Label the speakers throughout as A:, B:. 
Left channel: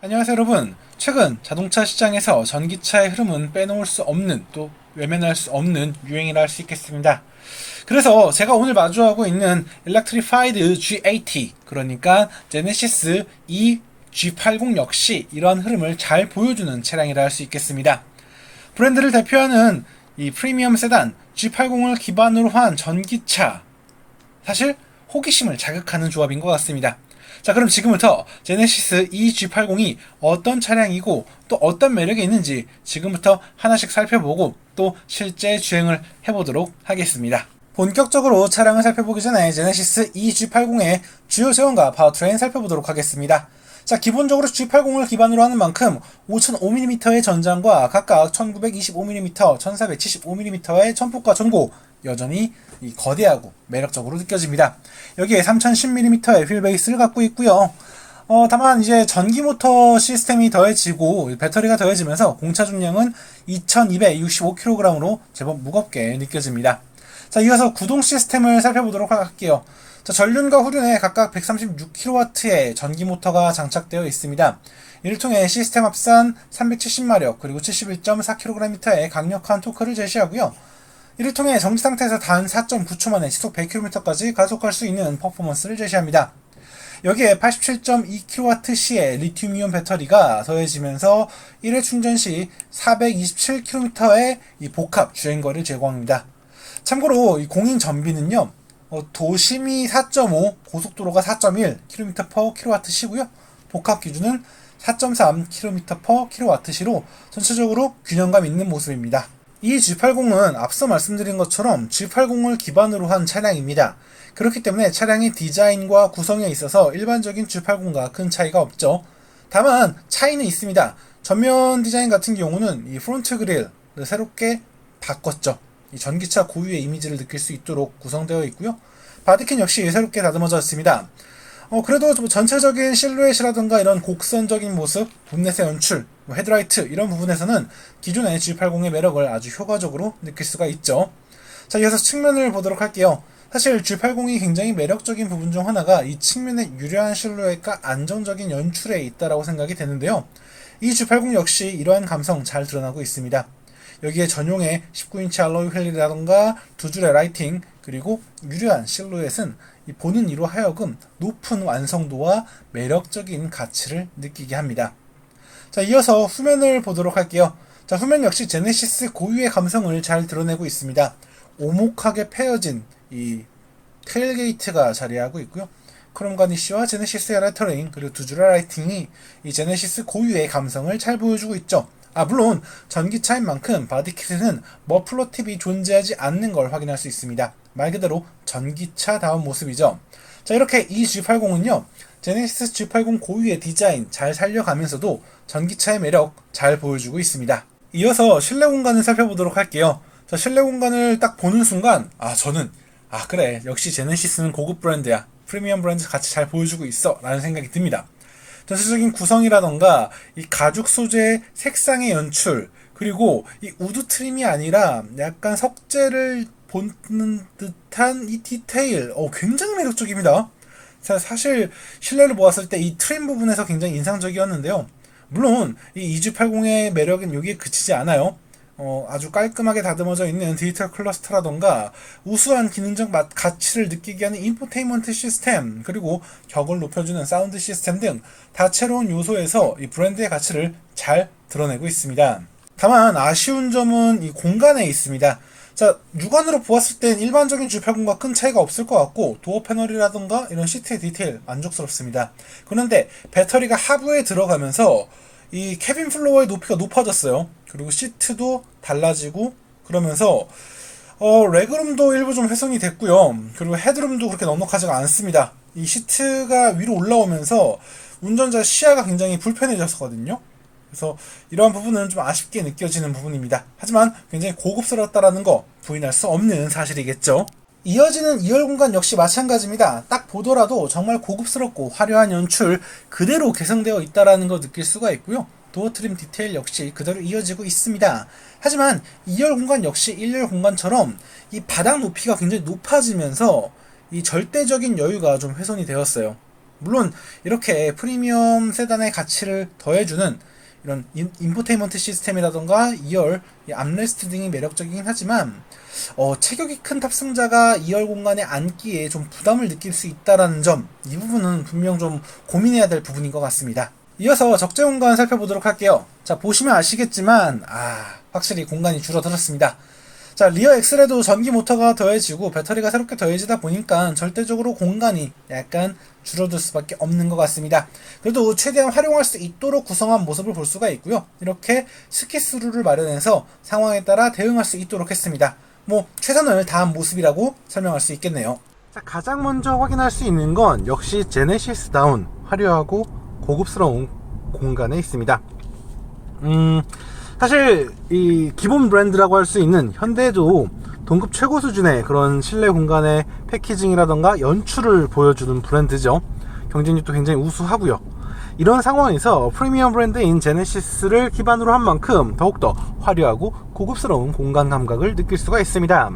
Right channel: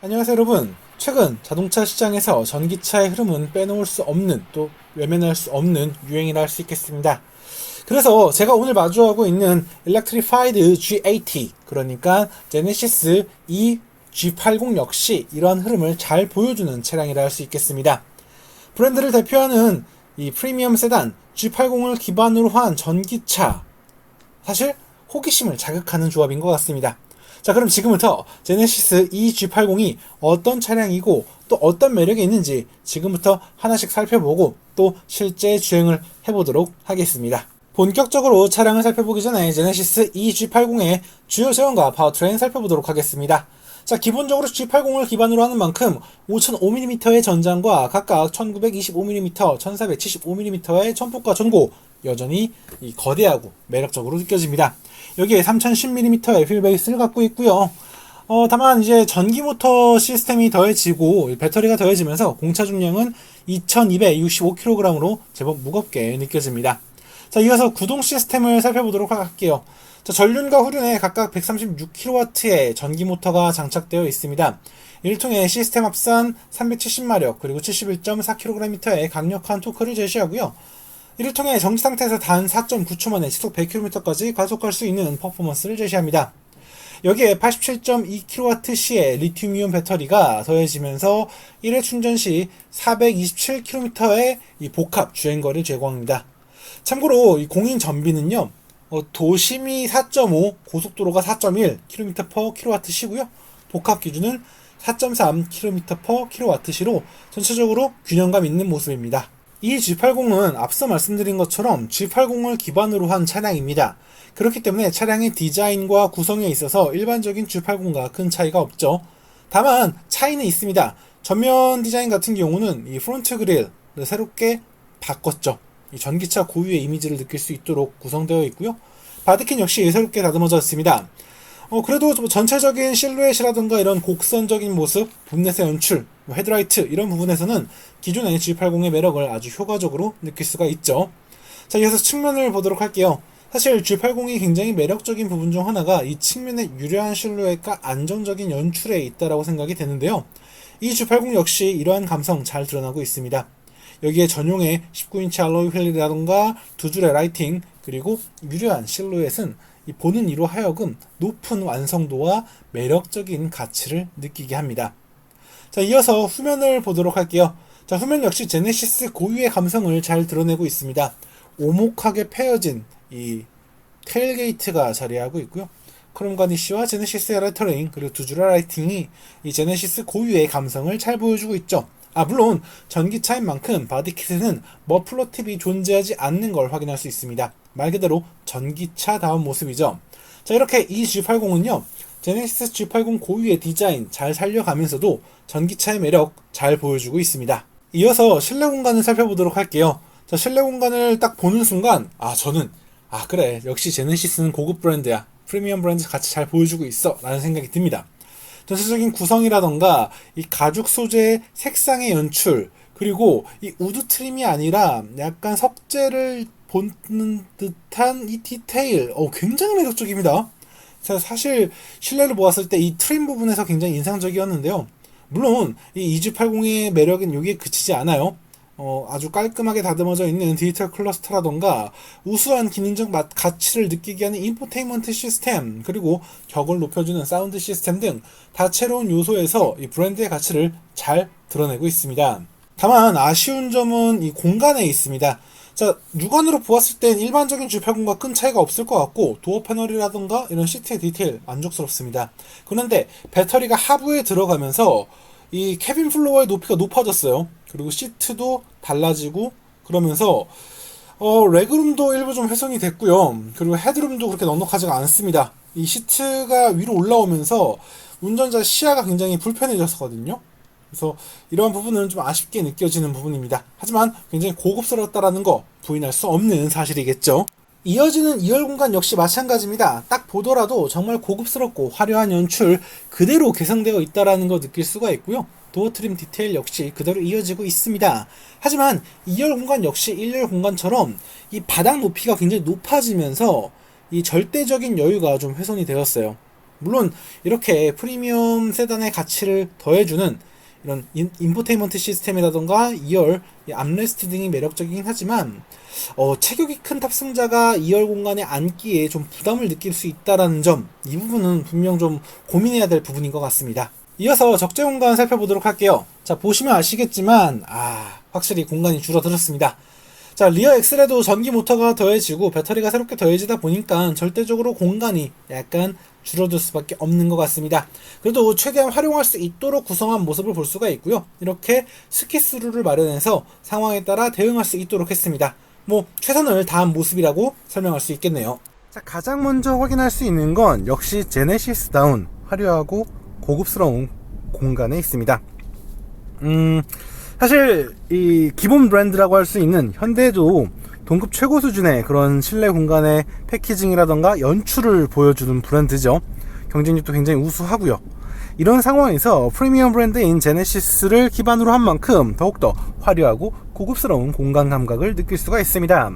A: 안녕하세요 여러분. 최근 자동차 시장에서 전기차의 흐름은 빼놓을 수 없는 또 외면할 수 없는 유행이라 할 수 있겠습니다. 그래서 제가 오늘 마주하고 있는 Electrified G80 그러니까 제네시스 E G80 역시 이러한 흐름을 잘 보여주는 차량이라 할 수 있겠습니다. 브랜드를 대표하는 이 프리미엄 세단 G80을 기반으로 한 전기차 사실 호기심을 자극하는 조합인 것 같습니다. 자, 그럼 지금부터 제네시스 E G80이 어떤 차량이고 또 어떤 매력이 있는지 지금부터 하나씩 살펴보고 또 실제 주행을 해보도록 하겠습니다. 본격적으로 차량을 살펴보기 전에 제네시스 E G80의 주요 제원과 파워트레인 살펴보도록 하겠습니다. 자, 기본적으로 G80을 기반으로 하는 만큼 5005mm의 전장과 각각 1925mm, 1475mm의 전폭과 전고 여전히 이 거대하고 매력적으로 느껴집니다. 여기에 3010mm의 휠베이스를 갖고 있고요. 어, 다만 이제 전기 모터 시스템이 더해지고 배터리가 더해지면서 공차 중량은 2265kg으로 제법 무겁게 느껴집니다. 자, 이어서 구동 시스템을 살펴보도록 할게요. 자, 전륜과 후륜에 각각 136kW의 전기 모터가 장착되어 있습니다. 이를 통해 시스템 합산 370마력 그리고 71.4kg의 강력한 토크를 제시하고요. 이를 통해 정지 상태에서 단 4.9초 만에 시속 100km까지 가속할 수 있는 퍼포먼스를 제시합니다. 여기에 87.2kWh의 리튬이온 배터리가 더해지면서 1회 충전 시 427km의 이 복합 주행거리를 제공합니다. 참고로 이 공인 전비는요, 어, 도심이 4.5, 고속도로가 4.1km/kWh시고요. 복합 기준은 4.3km/kWh로 전체적으로 균형감 있는 모습입니다. 이 G80은 앞서 말씀드린 것처럼 G80을 기반으로 한 차량입니다. 그렇기 때문에 차량의 디자인과 구성에 있어서 일반적인 G80과 큰 차이가 없죠. 다만 차이는 있습니다. 전면 디자인 같은 경우는 이 프론트 그릴을 새롭게 바꿨죠. 이 전기차 고유의 이미지를 느낄 수 있도록 구성되어 있고요. 바디킨 역시 새롭게 다듬어졌습니다. 어, 그래도 좀 전체적인 실루엣이라든가 이런 곡선적인 모습, 본넷의 연출, 뭐 헤드라이트 이런 부분에서는 기존의 G80의 매력을 아주 효과적으로 느낄 수가 있죠. 자, 이어서 측면을 보도록 할게요. 사실 G80이 굉장히 매력적인 부분 중 하나가 이 측면의 유려한 실루엣과 안정적인 연출에 있다라고 생각이 되는데요. 이 G80 역시 이러한 감성 잘 드러나고 있습니다. 여기에 전용의 19인치 알로이 휠이라던가 두 줄의 라이팅 그리고 유려한 실루엣은 이 보는 이로 하여금 높은 완성도와 매력적인 가치를 느끼게 합니다. 자, 이어서 후면을 보도록 할게요. 자, 후면 역시 제네시스 고유의 감성을 잘 드러내고 있습니다. 오목하게 패여진 이 테일게이트가 자리하고 있고요. 크롬 가니쉬와 제네시스의 레터링 그리고 두 줄의 라이팅이 이 제네시스 고유의 감성을 잘 보여주고 있죠. 아 물론 전기차인 만큼 바디킷에는 머플러 팁이 존재하지 않는 걸 확인할 수 있습니다. 말 그대로 전기차다운 모습이죠. 자 이렇게 이 G80은요 제네시스 G80 고유의 디자인 잘 살려가면서도 전기차의 매력 잘 보여주고 있습니다. 이어서 실내 공간을 살펴보도록 할게요. 자 실내 공간을 딱 보는 순간 아 저는 아 그래 역시 제네시스는 고급 브랜드야 프리미엄 브랜드 같이 잘 보여주고 있어 라는 생각이 듭니다. 전체적인 구성이라던가 이 가죽 소재의 색상의 연출 그리고 이 우드 트림이 아니라 약간 석재를 보는 듯한 이 디테일 어, 굉장히 매력적입니다. 자, 사실 실내를 보았을 때 이 트림 부분에서 굉장히 인상적이었는데요. 물론 이 EG80의 매력은 여기에 그치지 않아요. 어, 아주 깔끔하게 다듬어져 있는 디지털 클러스터라던가 우수한 기능적 맛, 가치를 느끼게 하는 인포테인먼트 시스템 그리고 격을 높여주는 사운드 시스템 등 다채로운 요소에서 이 브랜드의 가치를 잘 드러내고 있습니다. 다만 아쉬운 점은 이 공간에 있습니다. 자, 육안으로 보았을 땐 일반적인 G80과 큰 차이가 없을 것 같고 도어 패널이라던가 이런 시트의 디테일 만족스럽습니다. 그런데 배터리가 하부에 들어가면서 이 캐빈 플로어의 높이가 높아졌어요. 그리고 시트도 달라지고 그러면서 어, 레그룸도 일부 좀 훼손이 됐고요. 그리고 헤드룸도 그렇게 넉넉하지가 않습니다. 이 시트가 위로 올라오면서 운전자 시야가 굉장히 불편해졌거든요. 그래서 이러한 부분은 좀 아쉽게 느껴지는 부분입니다. 하지만 굉장히 고급스럽다라는 거 부인할 수 없는 사실이겠죠. 이어지는 2열 공간 역시 마찬가지입니다. 딱 보더라도 정말 고급스럽고 화려한 연출 그대로 개성되어 있다라는 거 느낄 수가 있고요. 도어 트림 디테일 역시 그대로 이어지고 있습니다. 하지만 2열 공간 역시 1열 공간처럼 이 바닥 높이가 굉장히 높아지면서 이 절대적인 여유가 좀 훼손이 되었어요. 물론 이렇게 프리미엄 세단의 가치를 더해주는 이런 인, 인포테인먼트 시스템이라던가 2열 암레스트 등이 매력적이긴 하지만 어, 체격이 큰 탑승자가 2열 공간에 앉기에 좀 부담을 느낄 수 있다라는 점 이 부분은 분명 좀 고민해야 될 부분인 것 같습니다. 이어서 적재 공간 살펴보도록 할게요. 자 보시면 아시겠지만 아 확실히 공간이 줄어들었습니다. 자 리어 엑셀에도 전기 모터가 더해지고 배터리가 새롭게 더해지다 보니까 절대적으로 공간이 약간 줄어들 수밖에 없는 것 같습니다. 그래도 최대한 활용할 수 있도록 구성한 모습을 볼 수가 있고요. 이렇게 스키스루를 마련해서 상황에 따라 대응할 수 있도록 했습니다. 뭐 최선을 다한 모습이라고 설명할 수 있겠네요. 자, 가장 먼저 확인할 수 있는 건 역시 제네시스다운 화려하고 고급스러운 공간에 있습니다. 음, 사실 이 기본 브랜드라고 할 수 있는 현대도 동급 최고 수준의 그런 실내 공간의 패키징이라던가 연출을 보여주는 브랜드죠. 경쟁력도 굉장히 우수하고요. 이런 상황에서 프리미엄 브랜드인 제네시스를 기반으로 한 만큼 더욱더 화려하고 고급스러운 공간 감각을 느낄 수가 있습니다.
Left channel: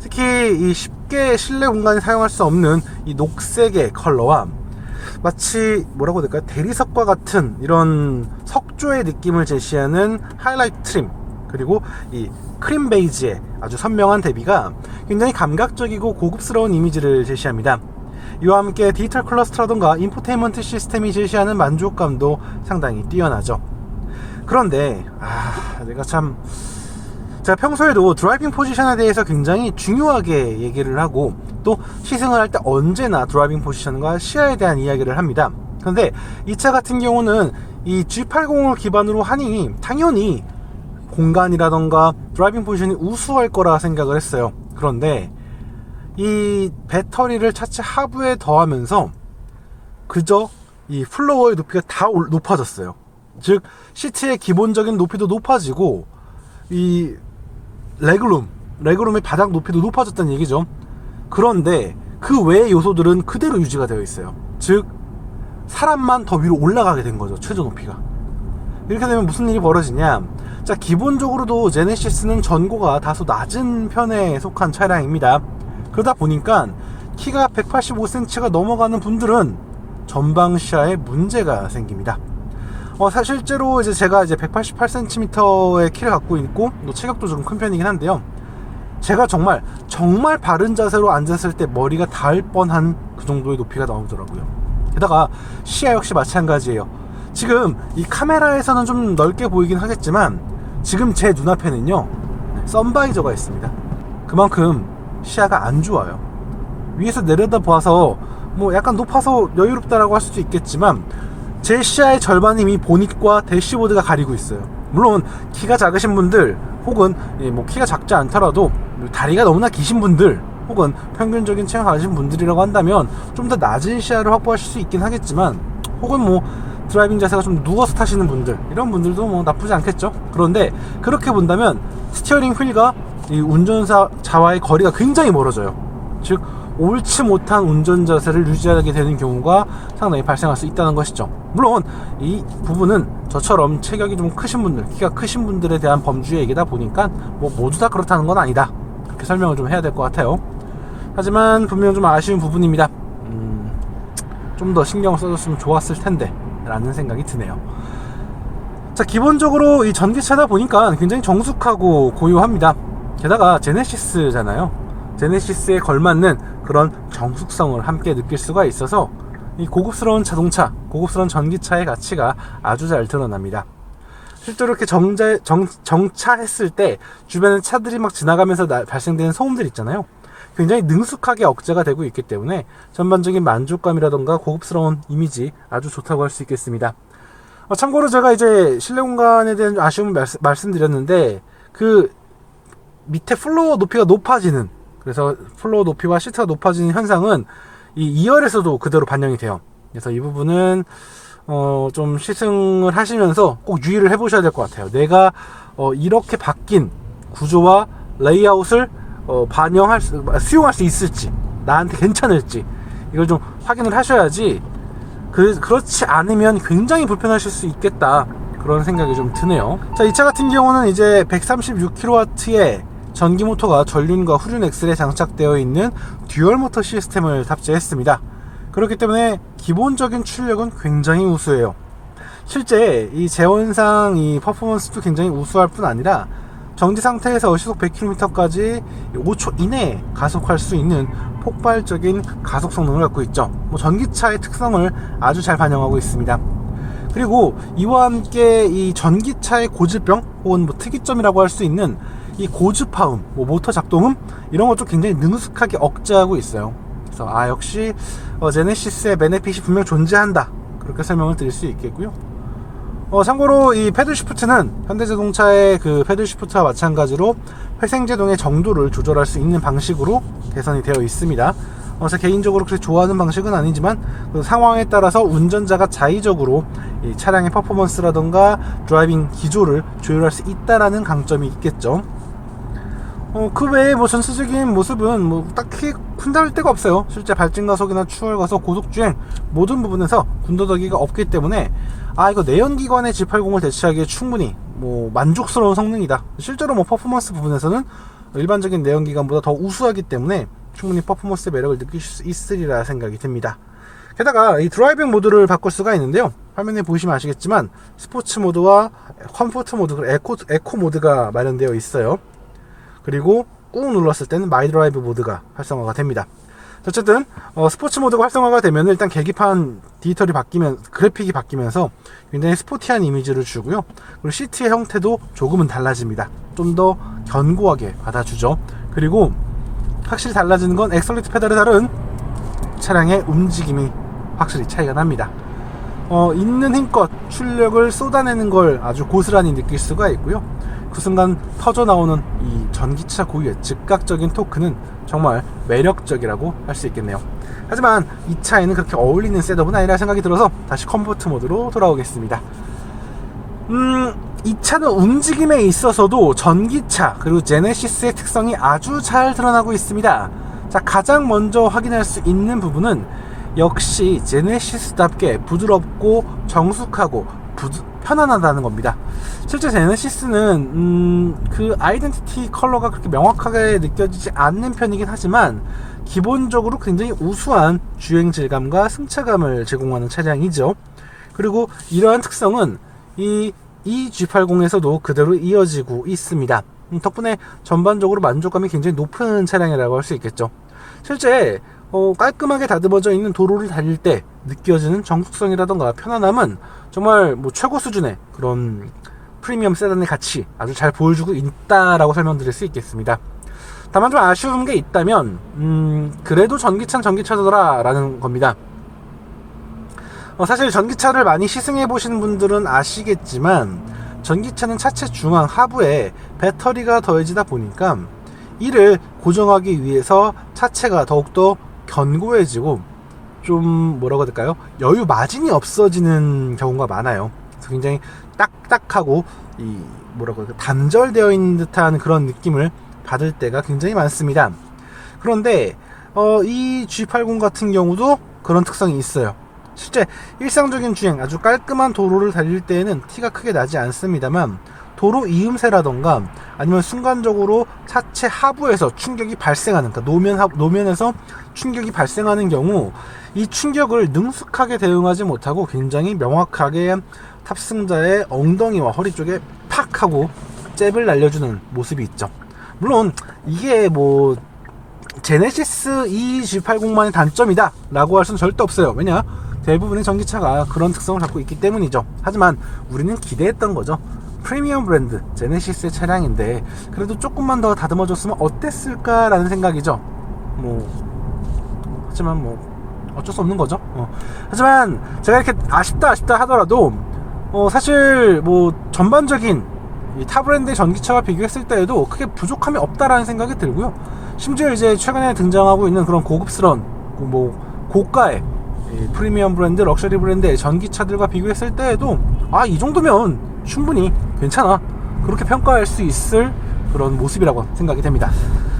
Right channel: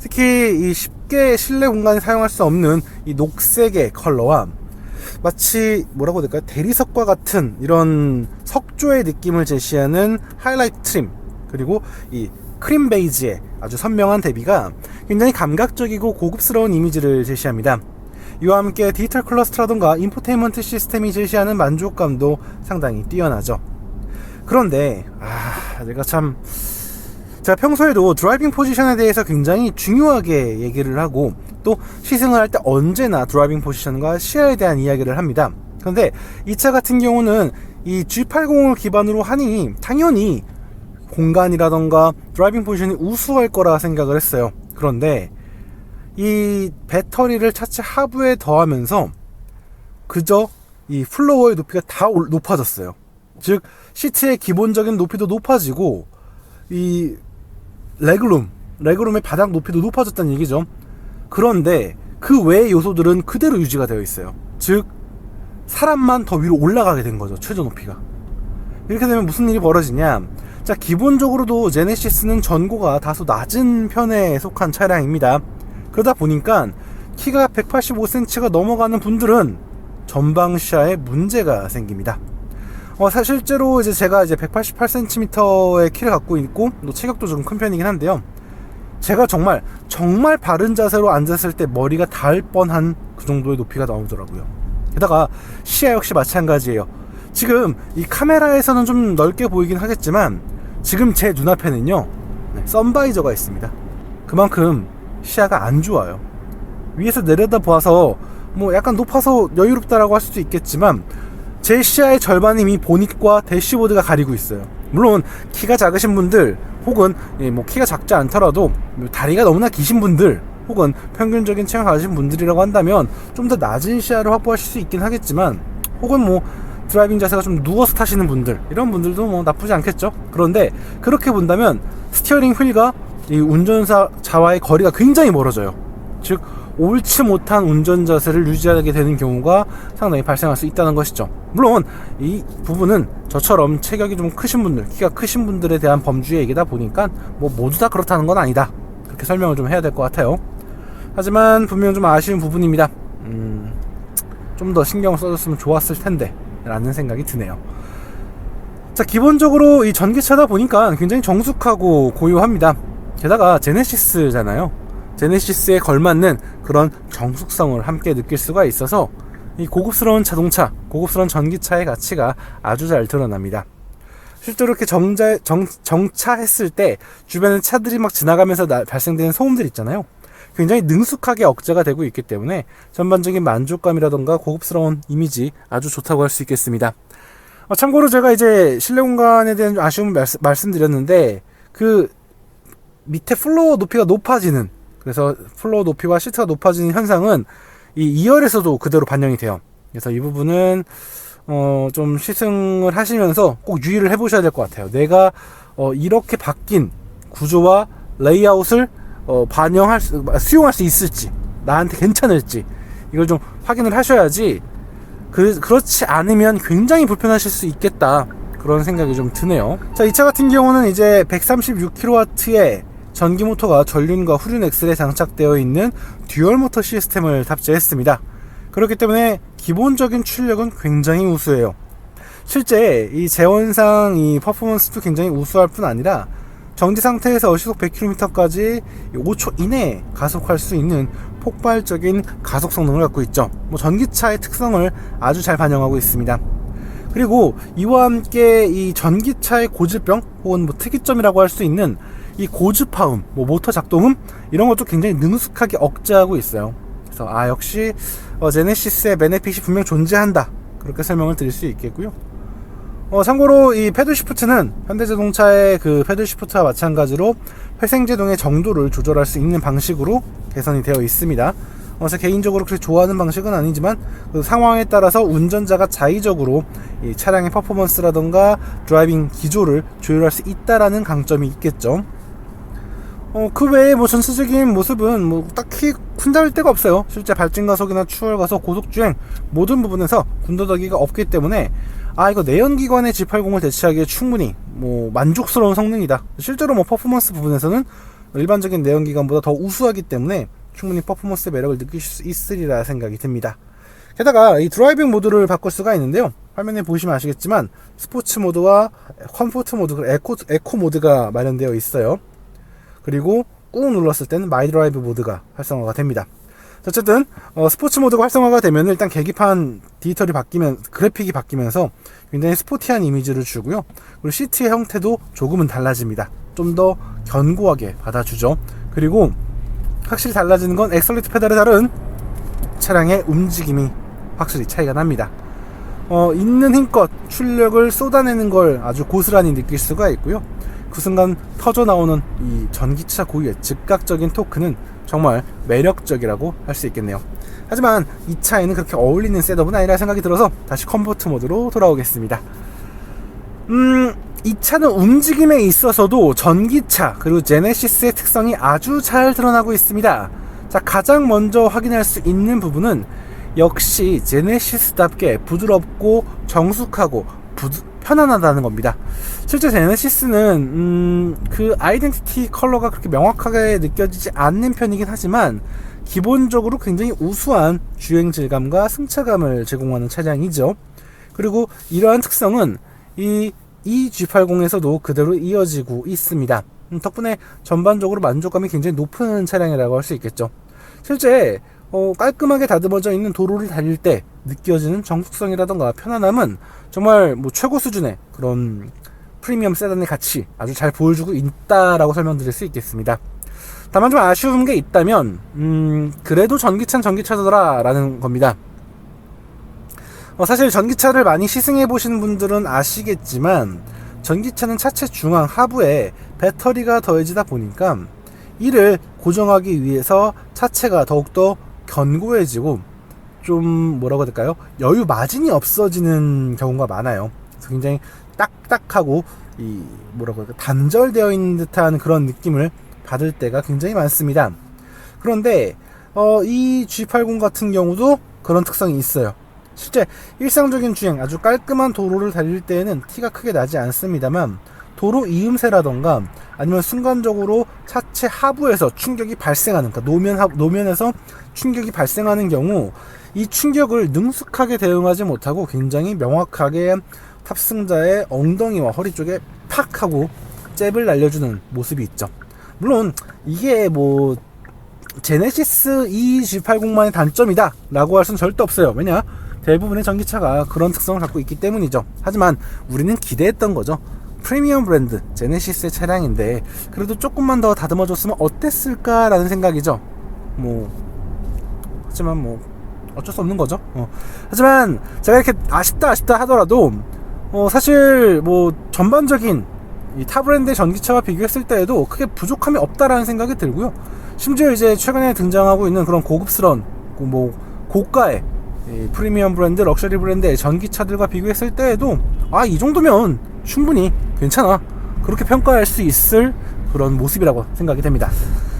A: 특히 이 쉽게 실내 공간에 사용할 수 없는 이 녹색의 컬러와 마치 뭐라고 될까요? 대리석과 같은 이런 석조의 느낌을 제시하는 하이라이트 트림 그리고 이 크림 베이지의 아주 선명한 대비가 굉장히 감각적이고 고급스러운 이미지를 제시합니다. 이와 함께 디지털 클러스터라던가 인포테인먼트 시스템이 제시하는 만족감도 상당히 뛰어나죠. 그런데 아, 내가 참 제가 평소에도 드라이빙 포지션에 대해서 굉장히 중요하게 얘기를 하고 또 시승을 할 때 언제나 드라이빙 포지션과 시야에 대한 이야기를 합니다. 그런데 이 차 같은 경우는 이 G80을 기반으로 하니 당연히 공간이라던가 드라이빙 포지션이 우수할 거라 생각을 했어요. 그런데 이 배터리를 차체 하부에 더하면서 그저 이 플로어의 높이가 다 올- 높아졌어요. 즉 시트의 기본적인 높이도 높아지고 이 레그룸, 레그룸의 바닥 높이도 높아졌다는 얘기죠. 그런데 그 외의 요소들은 그대로 유지가 되어 있어요. 즉 사람만 더 위로 올라가게 된 거죠. 최저 높이가. 이렇게 되면 무슨 일이 벌어지냐? 자, 기본적으로도 제네시스는 전고가 다소 낮은 편에 속한 차량입니다. 그러다 보니까 키가 185cm가 넘어가는 분들은 전방 시야에 문제가 생깁니다. 어, 사실 실제로 이제 제가 이제 188cm의 키를 갖고 있고 또 체격도 좀 큰 편이긴 한데요. 제가 정말 정말 바른 자세로 앉았을 때 머리가 닿을 뻔한 그 정도의 높이가 나오더라고요. 게다가 시야 역시 마찬가지예요. 지금 이 카메라에서는 좀 넓게 보이긴 하겠지만 지금 제 눈앞에는요 네, 선바이저가 있습니다. 그만큼 시야가 안 좋아요. 위에서 내려다 봐서 뭐 약간 높아서 여유롭다라고 할 수도 있겠지만 제 시야의 절반이 이미 보닛과 대시보드가 가리고 있어요. 물론 키가 작으신 분들 혹은 예, 뭐 키가 작지 않더라도 뭐 다리가 너무나 기신 분들 혹은 평균적인 체형 가진 분들이라고 한다면 좀 더 낮은 시야를 확보하실 수 있긴 하겠지만 혹은 뭐 드라이빙 자세가 좀 누워서 타시는 분들 이런 분들도 뭐 나쁘지 않겠죠. 그런데 그렇게 본다면 스티어링 휠과 이 운전사 자와의 거리가 굉장히 멀어져요. 즉 옳지 못한 운전 자세를 유지하게 되는 경우가 상당히 발생할 수 있다는 것이죠. 물론 이 부분은 저처럼 체격이 좀 크신 분들, 키가 크신 분들에 대한 범주의 얘기다 보니까 뭐 모두 다 그렇다는 건 아니다. 그렇게 설명을 좀 해야 될 것 같아요. 하지만 분명 좀 아쉬운 부분입니다. 음, 좀 더 신경 써줬으면 좋았을 텐데 라는 생각이 드네요. 자 기본적으로 이 전기차다 보니까 굉장히 정숙하고 고요합니다. 게다가 제네시스잖아요. 제네시스에 걸맞는 그런 정숙성을 함께 느낄 수가 있어서 이 고급스러운 자동차, 고급스러운 전기차의 가치가 아주 잘 드러납니다. 실제로 이렇게 정자, 정, 정차했을 때 주변에 차들이 막 지나가면서 나- 발생되는 소음들 있잖아요. 굉장히 능숙하게 억제가 되고 있기 때문에 전반적인 만족감이라던가 고급스러운 이미지 아주 좋다고 할 수 있겠습니다. 어, 참고로 제가 이제 실내 공간에 대한 아쉬움을 말씀, 말씀드렸는데 그 밑에 플로어 높이가 높아지는 그래서 플로어 높이와 시트가 높아지는 현상은 이 2열에서도 그대로 반영이 돼요. 그래서 이 부분은 어, 좀 시승을 하시면서 꼭 유의를 해보셔야 될 것 같아요. 내가 어, 이렇게 바뀐 구조와 레이아웃을 어, 반영할 수, 수용할 수 있을지 나한테 괜찮을지 이걸 좀 확인을 하셔야지 그, 그렇지 않으면 굉장히 불편하실 수 있겠다. 그런 생각이 좀 드네요. 자 이 차 같은 경우는 이제 136kW의 전기 모터가 전륜과 후륜 엑셀에 장착되어 있는 듀얼 모터 시스템을 탑재했습니다. 그렇기 때문에 기본적인 출력은 굉장히 우수해요. 실제 이 제원상 이 퍼포먼스도 굉장히 우수할 뿐 아니라 정지 상태에서 시속 100km까지 5초 이내에 가속할 수 있는 폭발적인 가속 성능을 갖고 있죠. 뭐 전기차의 특성을 아주 잘 반영하고 있습니다. 그리고 이와 함께 이 전기차의 고질병 혹은 뭐 특이점이라고 할 수 있는 이 고주파음, 뭐 모터 작동음 이런 것도 굉장히 능숙하게 억제하고 있어요. 그래서 아 역시 어, 제네시스의 베네핏이 분명 존재한다 그렇게 설명을 드릴 수 있겠고요. 어, 참고로 이 패들 시프트는 현대자동차의 그 패들 시프트와 마찬가지로 회생 제동의 정도를 조절할 수 있는 방식으로 개선이 되어 있습니다. 어, 제 개인적으로 그렇게 좋아하는 방식은 아니지만 그 상황에 따라서 운전자가 자의적으로 이 차량의 퍼포먼스라던가 드라이빙 기조를 조율할 수 있다라는 강점이 있겠죠. 어, 그 외에 뭐 전체적인 모습은 뭐 딱히 군다를 데가 없어요. 실제 발진 가속이나 추월 가속, 고속 주행 모든 부분에서 군더더기가 없기 때문에 아 이거 내연기관의 G80을 대체하기에 충분히 뭐 만족스러운 성능이다. 실제로 뭐 퍼포먼스 부분에서는 일반적인 내연기관보다 더 우수하기 때문에 충분히 퍼포먼스의 매력을 느낄 수 있으리라 생각이 듭니다. 게다가 이 드라이빙 모드를 바꿀 수가 있는데요. 화면에 보시면 아시겠지만 스포츠 모드와 컴포트 모드, 그리고 에코, 에코 모드가 마련되어 있어요. 그리고 꾹 눌렀을 때는 마이 드라이브 모드가 활성화가 됩니다. 어쨌든 어, 스포츠 모드가 활성화가 되면 일단 계기판 디지털이 바뀌면 그래픽이 바뀌면서 굉장히 스포티한 이미지를 주고요. 그리고 시트의 형태도 조금은 달라집니다. 좀 더 견고하게 받아주죠. 그리고 확실히 달라지는 건 엑설리트 페달에 다른 차량의 움직임이 확실히 차이가 납니다. 어, 있는 힘껏 출력을 쏟아내는 걸 아주 고스란히 느낄 수가 있고요. 그 순간 터져 나오는 이 전기차 고유의 즉각적인 토크는 정말 매력적이라고 할 수 있겠네요. 하지만 이 차에는 그렇게 어울리는 셋업은 아니라 생각이 들어서 다시 컴포트 모드로 돌아오겠습니다. 음, 이 차는 움직임에 있어서도 전기차 그리고 제네시스의 특성이 아주 잘 드러나고 있습니다. 자, 가장 먼저 확인할 수 있는 부분은 역시 제네시스답게 부드럽고 정숙하고 부드, 편안하다는 겁니다. 실제 제네시스는 음, 그 아이덴티티 컬러가 그렇게 명확하게 느껴지지 않는 편이긴 하지만 기본적으로 굉장히 우수한 주행 질감과 승차감을 제공하는 차량이죠. 그리고 이러한 특성은 이이 G80에서도 그대로 이어지고 있습니다. 음, 덕분에 전반적으로 만족감이 굉장히 높은 차량이라고 할 수 있겠죠. 실제 어, 깔끔하게 다듬어져 있는 도로를 달릴 때 느껴지는 정숙성이라던가 편안함은 정말 뭐 최고 수준의 그런 프리미엄 세단의 가치 아주 잘 보여주고 있다라고 설명드릴 수 있겠습니다. 다만 좀 아쉬운 게 있다면 음, 그래도 전기차는 전기차더라라는 겁니다. 어, 사실 전기차를 많이 시승해 보신 분들은 아시겠지만 전기차는 차체 중앙 하부에 배터리가 더해지다 보니까 이를 고정하기 위해서 차체가 더욱더 견고해지고 좀 뭐라고 해야 될까요? 여유 마진이 없어지는 경우가 많아요. 그래서 굉장히 딱딱하고 이 뭐라고 할까 단절되어 있는 듯한 그런 느낌을 받을 때가 굉장히 많습니다. 그런데 어, 이 G80 같은 경우도 그런 특성이 있어요. 실제 일상적인 주행 아주 깔끔한 도로를 달릴 때에는 티가 크게 나지 않습니다만 도로 이음새라던가 아니면 순간적으로 차체 하부에서 충격이 발생하는 그러니까 노면 하, 노면에서 충격이 발생하는 경우 이 충격을 능숙하게 대응하지 못하고 굉장히 명확하게 탑승자의 엉덩이와 허리 쪽에 팍 하고 잽을 날려주는 모습이 있죠. 물론 이게 뭐 제네시스 E G80만의 단점이다 라고 할 수는 절대 없어요. 왜냐? 대부분의 전기차가 그런 특성을 갖고 있기 때문이죠. 하지만 우리는 기대했던 거죠. 프리미엄 브랜드 제네시스의 차량인데 그래도 조금만 더 다듬어줬으면 어땠을까라는 생각이죠. 뭐 하지만 뭐 어쩔 수 없는 거죠. 어. 하지만 제가 이렇게 아쉽다 아쉽다 하더라도 어 사실 뭐 전반적인 이타 브랜드의 전기차와 비교했을 때에도 크게 부족함이 없다라는 생각이 들고요. 심지어 이제 최근에 등장하고 있는 그런 고급스러운 그뭐 고가의 이 프리미엄 브랜드, 럭셔리 브랜드의 전기차들과 비교했을 때에도 아 이 정도면 충분히 괜찮아 그렇게 평가할 수 있을 그런 모습이라고 생각이 됩니다.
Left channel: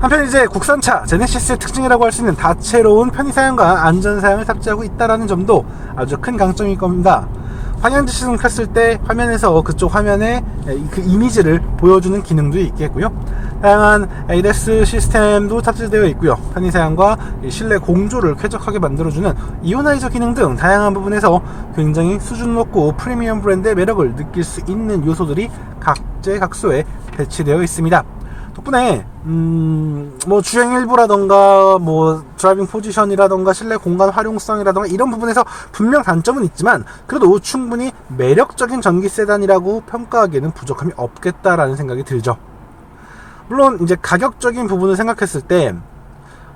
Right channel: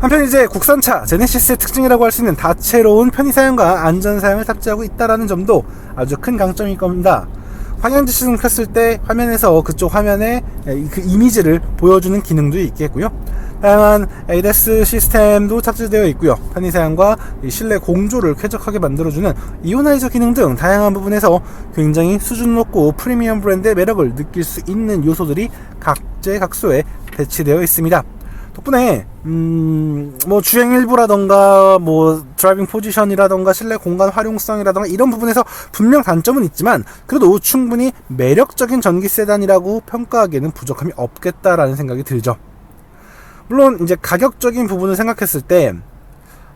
A: 한편 이제 국산차 제네시스의 특징이라고 할 수 있는 다채로운 편의 사양과 안전 사양을 탑재하고 있다라는 점도 아주 큰 강점일 겁니다. 방향 지시등 켰을 때 화면에서 그쪽 화면에 그 이미지를 보여주는 기능도 있겠고요. 다양한 ADAS 시스템도 탑재되어 있고요. 편의사양과 이 실내 공조를 쾌적하게 만들어주는 이오나이저 기능 등 다양한 부분에서 굉장히 수준 높고 프리미엄 브랜드의 매력을 느낄 수 있는 요소들이 각재각소에 배치되어 있습니다. 덕분에 음 뭐 주행 일부라던가 뭐 드라이빙 포지션이라던가 실내 공간 활용성이라던가 이런 부분에서 분명 단점은 있지만 그래도 충분히 매력적인 전기 세단이라고 평가하기에는 부족함이 없겠다라는 생각이 들죠. 물론 이제 가격적인 부분을 생각했을 때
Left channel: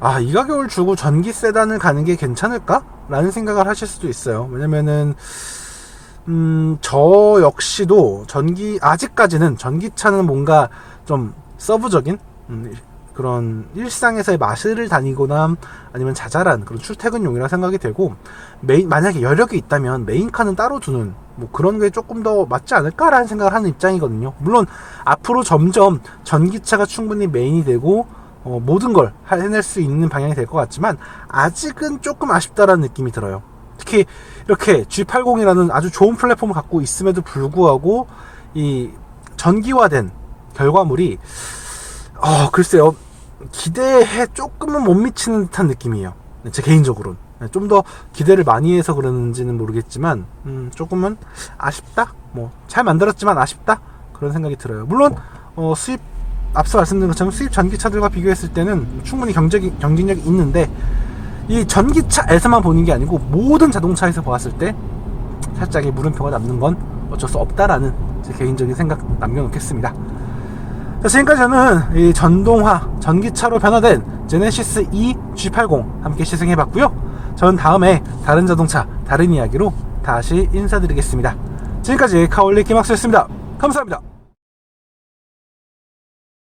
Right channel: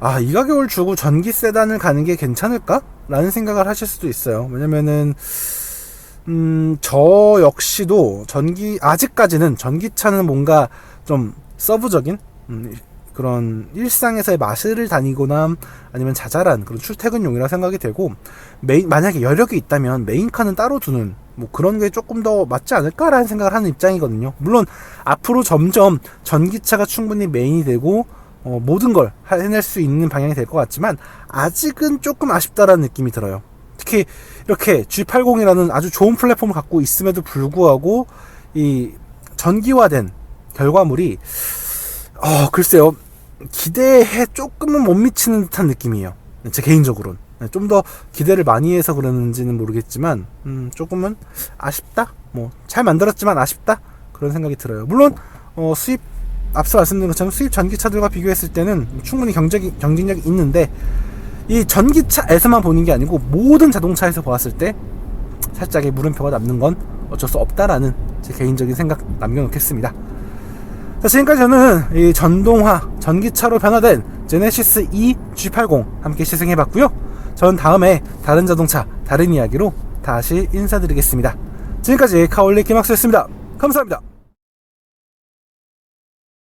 A: 아, 이 가격을 주고 전기 세단을 가는 게 괜찮을까? 라는 생각을 하실 수도 있어요. 왜냐면은 음, 저 역시도 전기 아직까지는 전기차는 뭔가 좀 서브적인 음, 그런 일상에서의 마실을 다니거나 아니면 자잘한 그런 출퇴근용이라 생각이 되고 메인 만약에 여력이 있다면 메인카는 따로 두는 뭐 그런 게 조금 더 맞지 않을까라는 생각을 하는 입장이거든요. 물론 앞으로 점점 전기차가 충분히 메인이 되고 어, 모든 걸 해낼 수 있는 방향이 될 것 같지만 아직은 조금 아쉽다라는 느낌이 들어요. 특히 이렇게 G80이라는 아주 좋은 플랫폼을 갖고 있음에도 불구하고 이 전기화된 결과물이 어 글쎄요 기대에 조금은 못 미치는 듯한 느낌이에요. 제 개인적으로는 좀 더 기대를 많이 해서 그러는지는 모르겠지만 음, 조금은 아쉽다. 뭐 잘 만들었지만 아쉽다 그런 생각이 들어요. 물론 어, 수입 앞서 말씀드린 것처럼 수입 전기차들과 비교했을 때는 충분히 경쟁이, 경쟁력이 있는데 이 전기차에서만 보는 게 아니고 모든 자동차에서 보았을 때 살짝의 물음표가 남는 건 어쩔 수 없다라는 제 개인적인 생각 남겨놓겠습니다. 자, 지금까지 저는 이 전동화 전기차로 변화된 제네시스 E G80 함께 시승해봤고요. 저는 다음에 다른 자동차 다른 이야기로 다시 인사드리겠습니다. 지금까지 카올리 김학수였습니다. 감사합니다.